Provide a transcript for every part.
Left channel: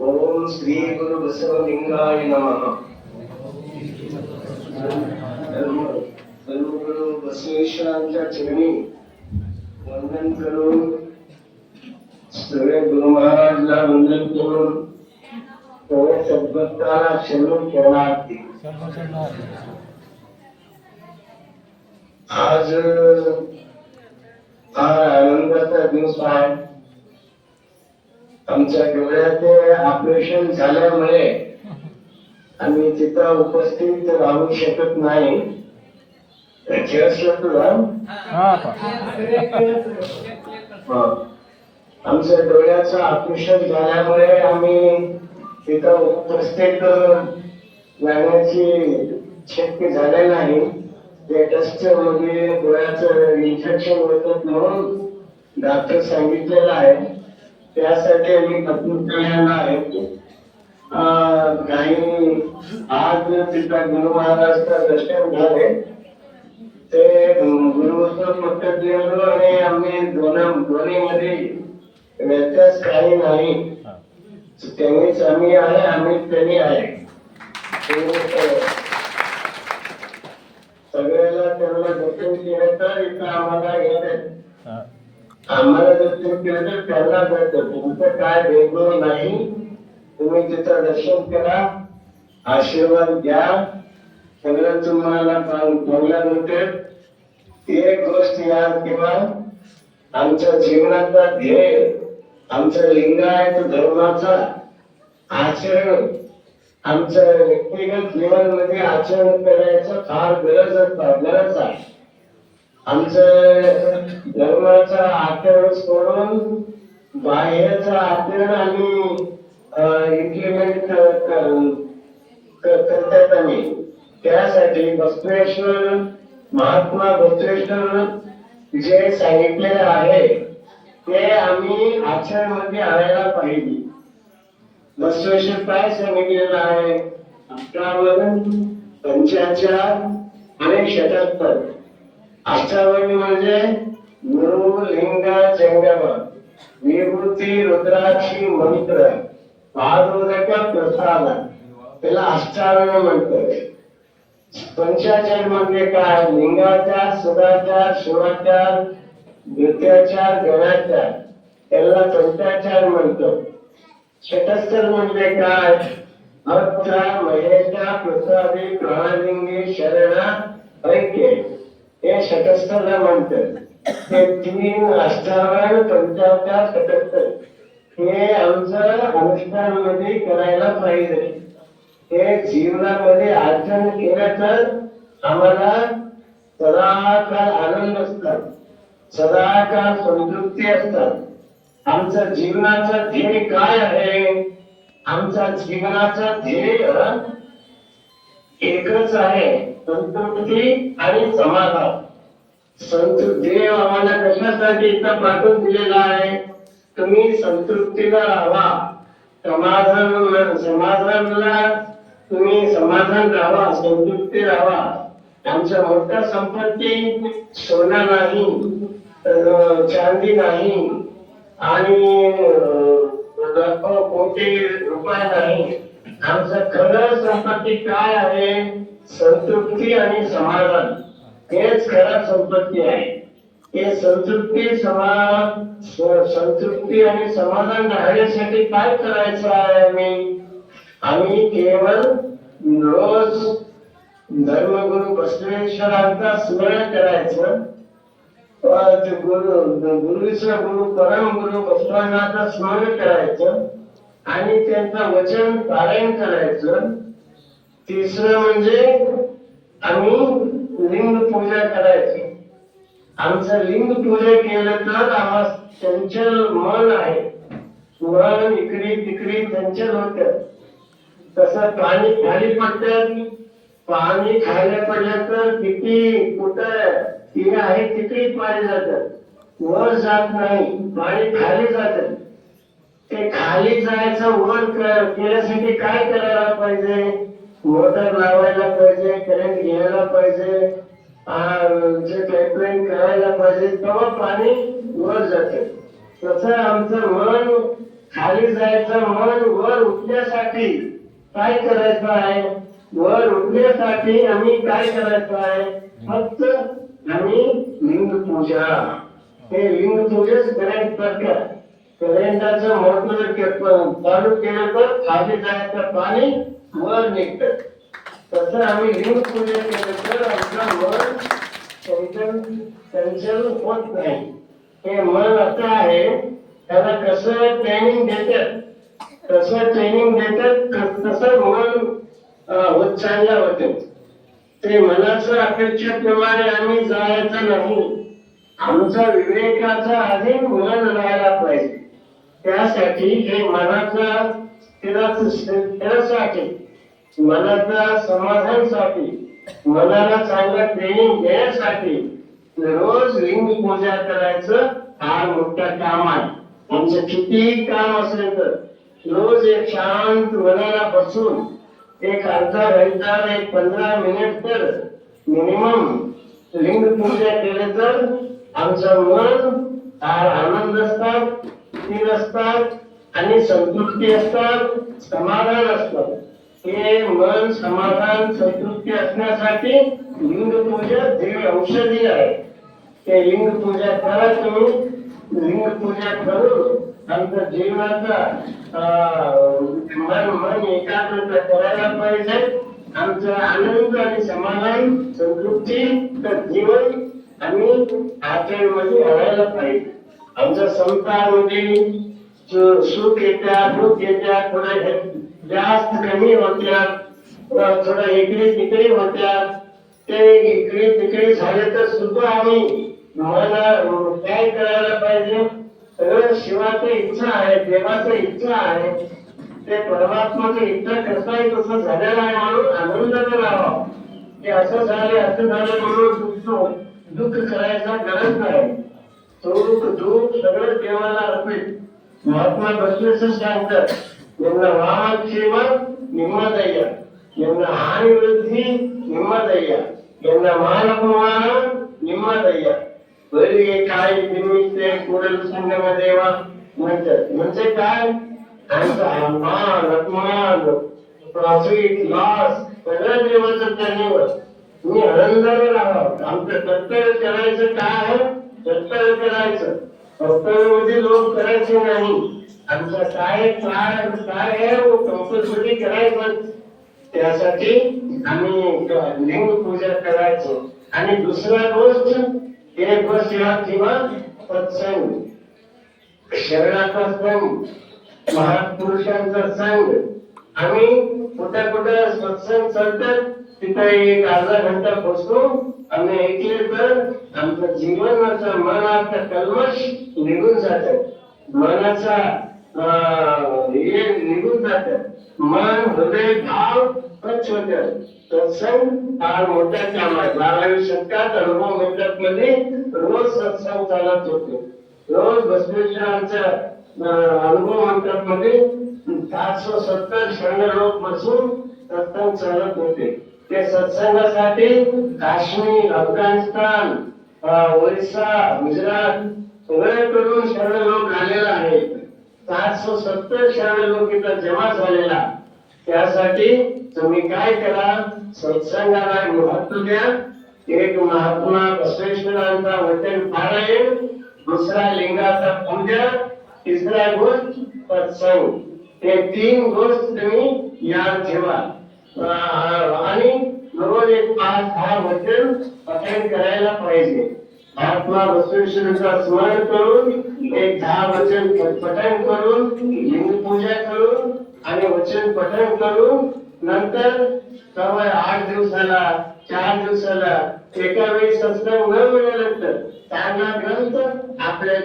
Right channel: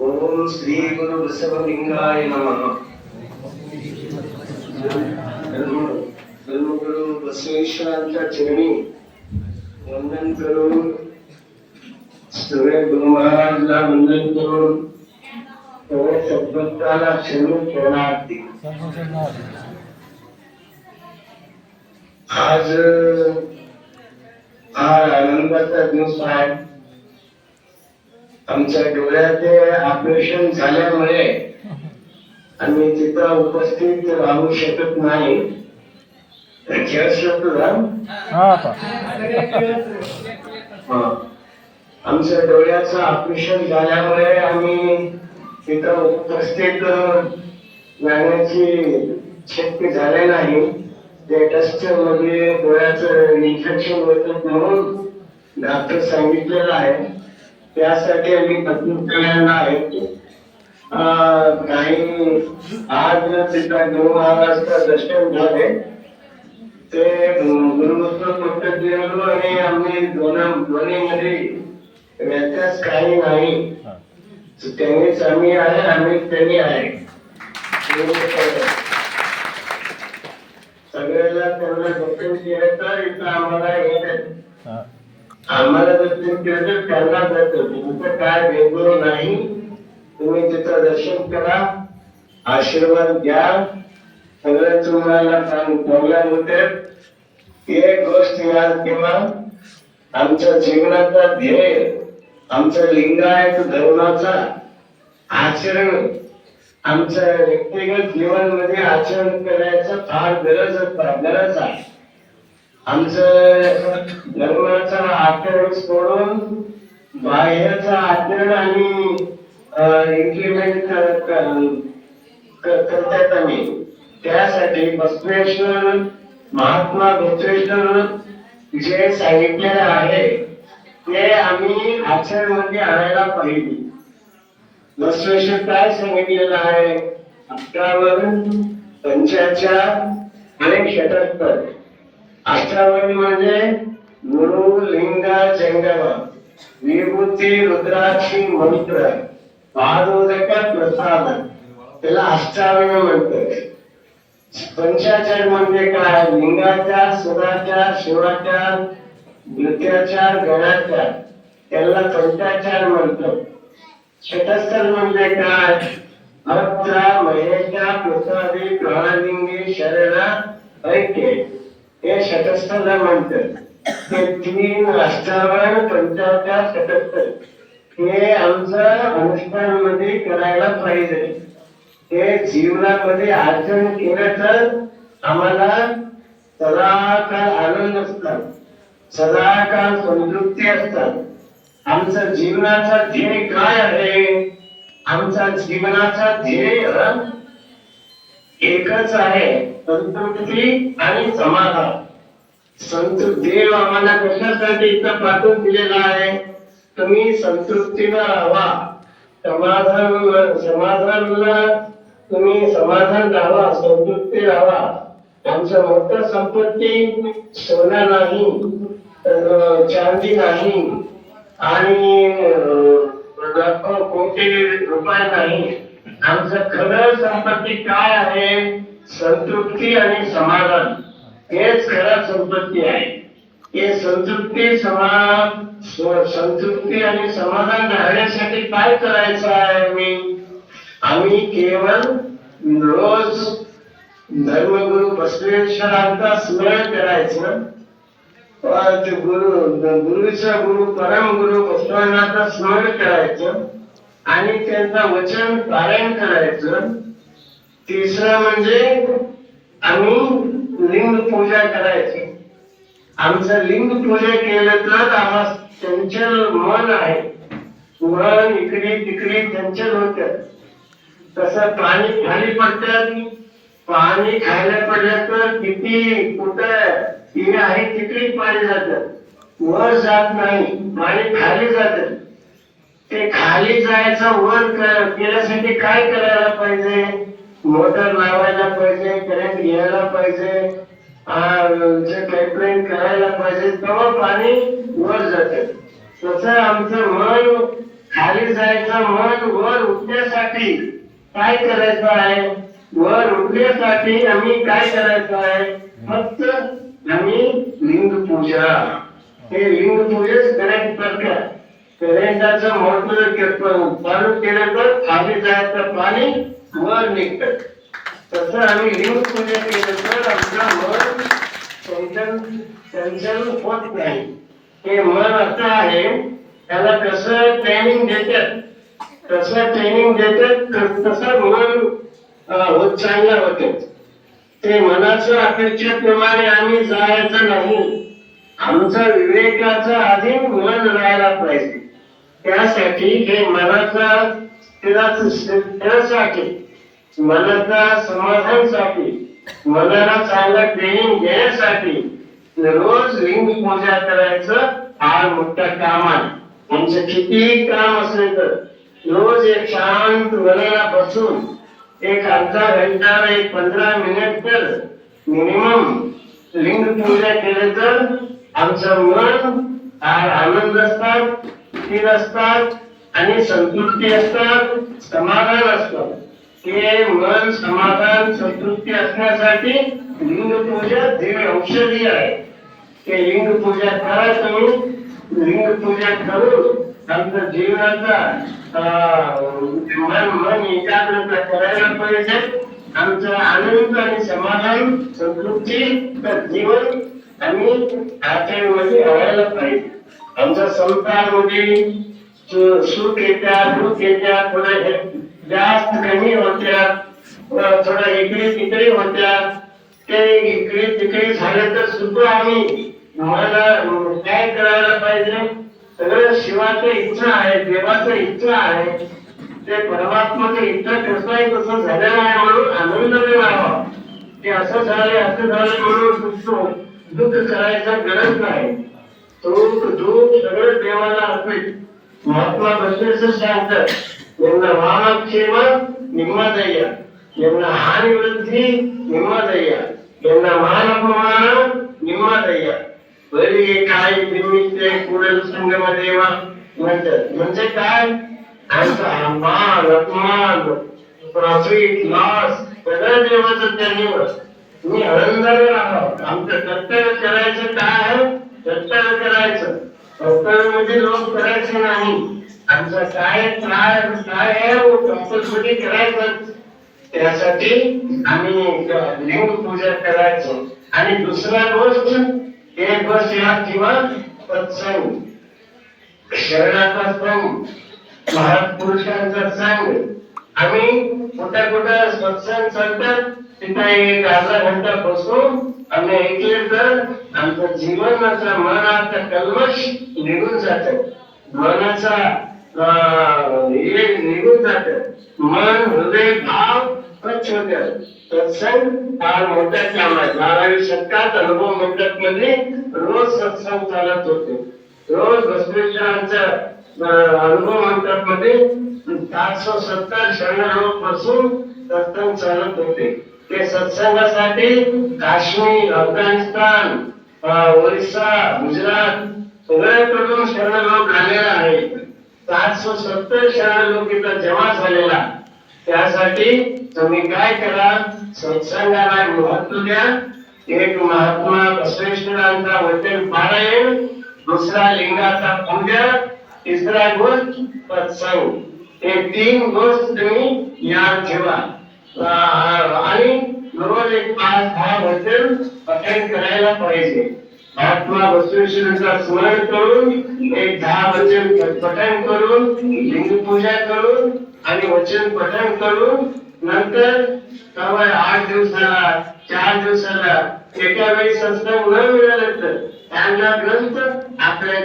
ओम श्री गुरु बसवलिंगाय नमः। धर्मगुरु बसवेश्वरांच्या चरणी वंदन करून, सगळे गुरु महाराजला वंदन करून सगळे सद्भक्ताला क्षण शरणार्थी। आज हा आनंदाचा दिवस आहे। आमच्या डोळ्याचे ऑपरेशन झाल्यामुळे आम्ही तिथं उपस्थित राहू शकत नाही। आमच्या डोळ्याचं ऑपरेशन झाल्यामुळे आम्ही तिथं उपस्थित राहण्याची शक्य झाले नाही। ते डस्ट मध्ये डोळ्याचं इन्फेक्शन होतं म्हणून डॉक्टर सांगितलेलं आहे। त्यासाठी आम्ही कपूरला आहेत। काही आज तिथं गुरु महाराजचं दर्शन झाले। ते गुरुत्व आणि आम्ही दोन्हीमध्ये व्यत्यास काही नाही। त्यांनीच आम्ही आहे, आम्ही त्यांनी आहे। सगळ्याला त्यांना दर्शन केलं तर इथं आम्हाला येत, आम्हाला दर्शन केलं तर त्यांना भेटतं। तुमचं काय भेदभाव नाही। तुम्ही तिथं दर्शन करा, आशीर्वाद घ्या, सगळं तुम्हाला चांगलं होते। एक गोष्ट याद ठेवा, आमच्या जीवनाचा ध्येय, आमच्या लिंगायत धर्माचा आचरण, आमच्या व्यक्तिगत जीवनामध्ये आचरण करायचं फार गरज आहे। आमचं धर्माचा आचरण सोडून बाह्याचा आचरण आणि इम्प्लिमेंट करतात आम्ही। त्यासाठी बसवेश्वर महात्मा बसवेश्वर जे सांगितलेलं आहे ते आम्ही आचरणामध्ये आणायला पाहिजे। बसवेश्वर काय सांगितलेलं आहे? 58, 55 आणि 77। 58 म्हणजे गुरु लिंग जंगम विभूती रुद्राक्षी मंत्र पादोदक प्रसाद, त्याला 58 म्हणतात। 55 म्हणजे काय? लिंगाच्या, सुराच्या, शिवाच्या, नृत्याच्या, गणाच्या, त्याला 55 म्हणतात। 77 म्हणजे काय? अत्र महेशा प्रसादी प्राणलिंगी शरण ऐक्य, हे 77 म्हणतात। ते 3 58, 55, 77 हे आमचं अनुष्ठानामध्ये करायला पाहिजे। हे जीवनामध्ये आचरण केलं तर आम्हाला सदाकाळ आनंद असतात, सदाकाळ संतृप्ती असतात। आमचा जीवनाचा ध्येय काय आहे? आमचा जीवनाचा ध्येय एकच आहे, संतृप्ती आणि समाधान। देव आम्हाला कशासाठी इथं पाठवून दिलेला आहे? तुम्ही संतृप्तीला राहा, समाधानाला तुम्ही समाधान राहा, संतृप्ती राहा। आमच्या मोठ्या संपत्ती सोना नाही, चांदी नाही आणि कोटी रुपये नाही। आमचं खरं संपत्ती काय आहे? संतृप्ती आणि समाधान, हेच खरं संपत्ती आहे। हे संतृप्ती आणि समाधान राहण्यासाठी काय करायचं आहे? आम्ही केवळ रोज धर्मगुरु बसवेश्वरांचा स्मरण करायचं, गुरुचा गुरु परम गुरु बसवनाचं स्मरण करायचं आणि त्यांचं वचन पारायण करायचं। तिसरं म्हणजे आम्ही लिंग पूजा करायची। आमचं लिंग पूजा केलं तर आम्हाला चंचल मन आहे, मन इकडे तिकडे चंचल होत। तसं पाणी खाली पडतं, पाणी खायला पडलं तर किती कुठं आहे तिकडे पाणी जातं, वर जात नाही, पाणी खाली जात। ते खाली जायचं वर केल्यासाठी काय करायला पाहिजे? मोटर लावायला पाहिजे, करंट घ्यायला पाहिजे, जे पाईपलाईन करायला पाहिजे, तेव्हा पाणी वर जाते। तसं आमचं मन खाली जायचं, मन वर उठण्यासाठी काय करायचं आहे? वर उठण्यासाठी आम्ही काय करायचं आहे? फक्त आम्ही लिंग पूजा, हे लिंग पूजेच करंट करतात. करंटाचं मोटर चालू केलं तर खाली जायचं पाणी वर निघतं. तसं आम्ही लिंग पूजा केलं तर आमचं मन चंचल होत नाही. हे मन असं आहे, त्याला कसं ट्रेनिंग देतात, तसं मन होत चांगलं होते. ते मनाचं अपेक्षेप्रमाणे आम्ही जायचं नाही. आमचा विवेकाचा अधीन मन राहायला पाहिजे. त्यासाठी हे मनाचा स्थिरासाठी, मनाचा समाधानासाठी, मनाला चांगलं ट्रेनिंग देण्यासाठी रोज लिंग पूजा करायचं हा मोठा काम आहे. आमचं किती काम असले तर रोज एक शांत मनाला बसून एक अर्धा घंटा, एक 15 मिनिट तर मिनिमम लिंग पूजा केले तर आमचं मन आनंद असतात, स्थिर असतात आणि संतृप्ती असतात, समाधान असतं. हे मन समाधान संतृप्ती असण्यासाठी लिंग पूजा दिव्य औषधी आहे. ते लिंग पूजा करा तुम्ही. लिंग पूजा करून आमच्या जीवनाचा मन एकाग्रता करायला पाहिजे. आमचं आनंद आणि समाधान संतृप्ती तर जीवन आम्ही आचरणमध्ये आणायला पाहिजे. आमच्या संसारामध्ये सुख येत्या, दुःख येत्या, थोडं जास्त कमी होत्या, थोडं इकडे तिकडे होत्या. ते इकडे तिकडे झाले तर सुद्धा आम्ही मला काय करायला पाहिजे? सगळं शिवाची इच्छा आहे, देवाची इच्छा आहे, ते परमात्माची इच्छा कसं आहे तसं झालेलं आहे म्हणून आनंद मिळावा. ते असं झालं म्हणून दुःख करायचा गरज नाही. दुःख सगळं देवाला अर्पित. महात्मा बसवेश्वर सांगतात, यांना वामाक्षेम निम्मादय्या, यांना हानिवृद्धी निम्मादय्या, यांना मानप्रमाण निम्मादय्या. बरी काय निमित्ते पुढील संगमदेवा म्हणतात. म्हणजे काय? आमचा मान अपमान प्रॉफिट लॉस सगळं देवाचं त्यांनीवर. तुम्ही आनंदाने राहा. आमचं कर्तव्य करायचं काय आहे? कर्तव्य करायचं. कर्तव्य म्हणजे लोक करायचे नाही. आमचं काय आहे कंपल्सरी करायचं. त्यासाठी आम्ही लिंग पूजा करायचो. आणि दुसरा गोष्ट एक गोष्ट या किंवा सत्संग, शरणाचा संघ, महापुरुषांचा संघ. आम्ही कुठं सत्संग चालतात तिथे एक अर्धा घंटा बसून आम्ही ऐकले तर आमचं जीवनाचा मनाचा कल्मश निघून जात. मनाचा निघून जात. मन हृदय भाव स्वच्छ होतात. सत्संग हा मोठा काम आहे. 12व्या शतकात अनुभव मंडप मध्ये रोज सत्संग चालत होते. रोज बसवेश्वरांच्या अनुभव मंडप मध्ये 770 शरण लोक बसून सत्संग चालत होते. ते सत्संगासाठी काश्मीर, अफगाणिस्तान, ओरिसा, गुजरात सगळ्याकडून शरण लोक आलेला आहे. 770 शरण लोक इथं जमा झालेला. त्यासाठी तुम्ही काय करा? सत्संगाला महत्व द्या. एक महात्मा बसवेश्वरांचा वचन पारायण, दुसरा लिंगाचा पूजा, तिसरा गोष्ट सत्संग. हे 3 गोष्ट तुम्ही याद ठेवा. आणि रोज एक 5-10 वचन पठण करायला पाहिजे. महात्मा बसवेश्वरांचा स्मरण करून एक 10 वचन पठण करून, लिंग पूजा करून आणि वचन पठण करून नंतर 8 दिवसाला 4 दिवसाला एका वेळी सत्संग न मिळालं तर चांगला ग्रंथ आपल्या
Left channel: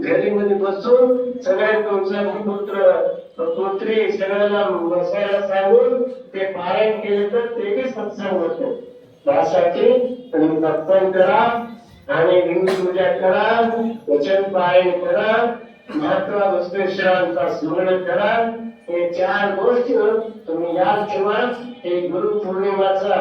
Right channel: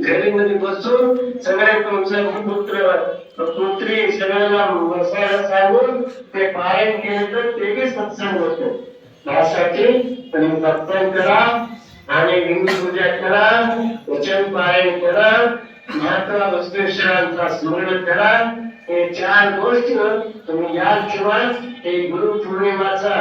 घरी मध्ये बसून सगळे तुमचा पुत्र पुत्री सगळ्याला बसायला सांगून ते पारायण केले तर ते बी सत्संग होतो. त्यासाठी तुम्ही सत्संग करा आणि लिंग पूजा करा, वचन पारायण करा, महात्मा बसवेश्वरांचा स्मरण करा. हे 4 गोष्टी तुम्ही याद ठेवा. हे गुरु पौर्णिमाचा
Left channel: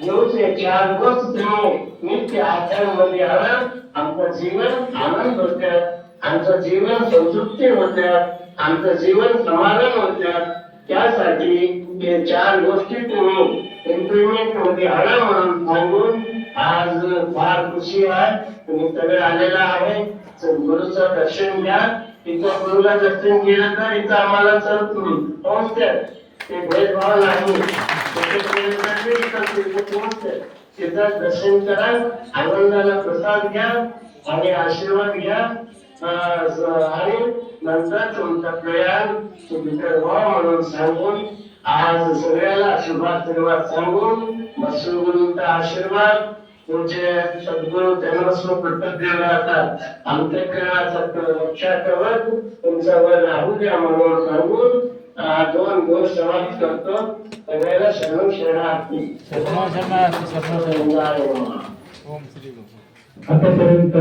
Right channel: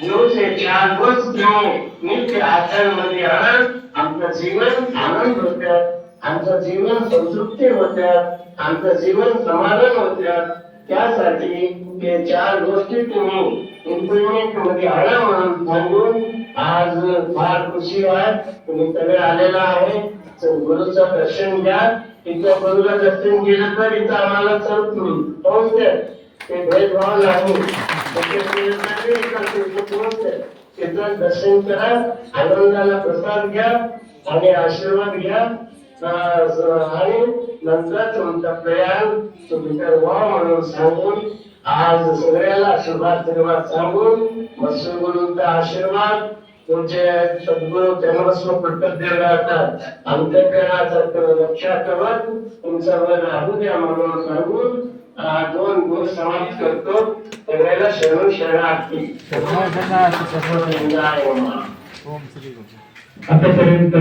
दिवस हे 4 गोष्ट तुम्ही नित्य आचरण मध्ये आणा. आपलं जीवन आनंद होतं. आमचं जीवन संतृप्ती होत्यात, आमचं जीवन समाधान होत्यात. त्यासाठी हे चार गोष्टी तुम्ही इम्प्लिमेंट मध्ये आणा म्हणून सांगून आज फार खुशी आहे. तुम्ही सगळे आलेला आहे. गुरुचं दर्शन घ्या. इथं गुरुला दर्शन केलं तर इथं आम्हाला चालत नाही. पोहोचते ते भेदभाव नाही. तिथं दर्शन करा, आनंदाला प्रसाद घ्या आणि आशीर्वाद घ्या आणि नंतर तुमचा प्रयाण तुम्ही व्हा म्हणून सांगून आज सगळ्याला आशीर्वाद सांगून गुरुंचा आशीर्वाद तुमचे सद्गुरु जन्मस्व पट्टदेव राहतात. अंतःकरणाचं लक्षात ठेवत तुमच्यावर राहू द्या म्हणून सांगून दोन गोष्ट समाप्त करतो. सगळ्याला शरण शरणार्थी. आतापर्यंत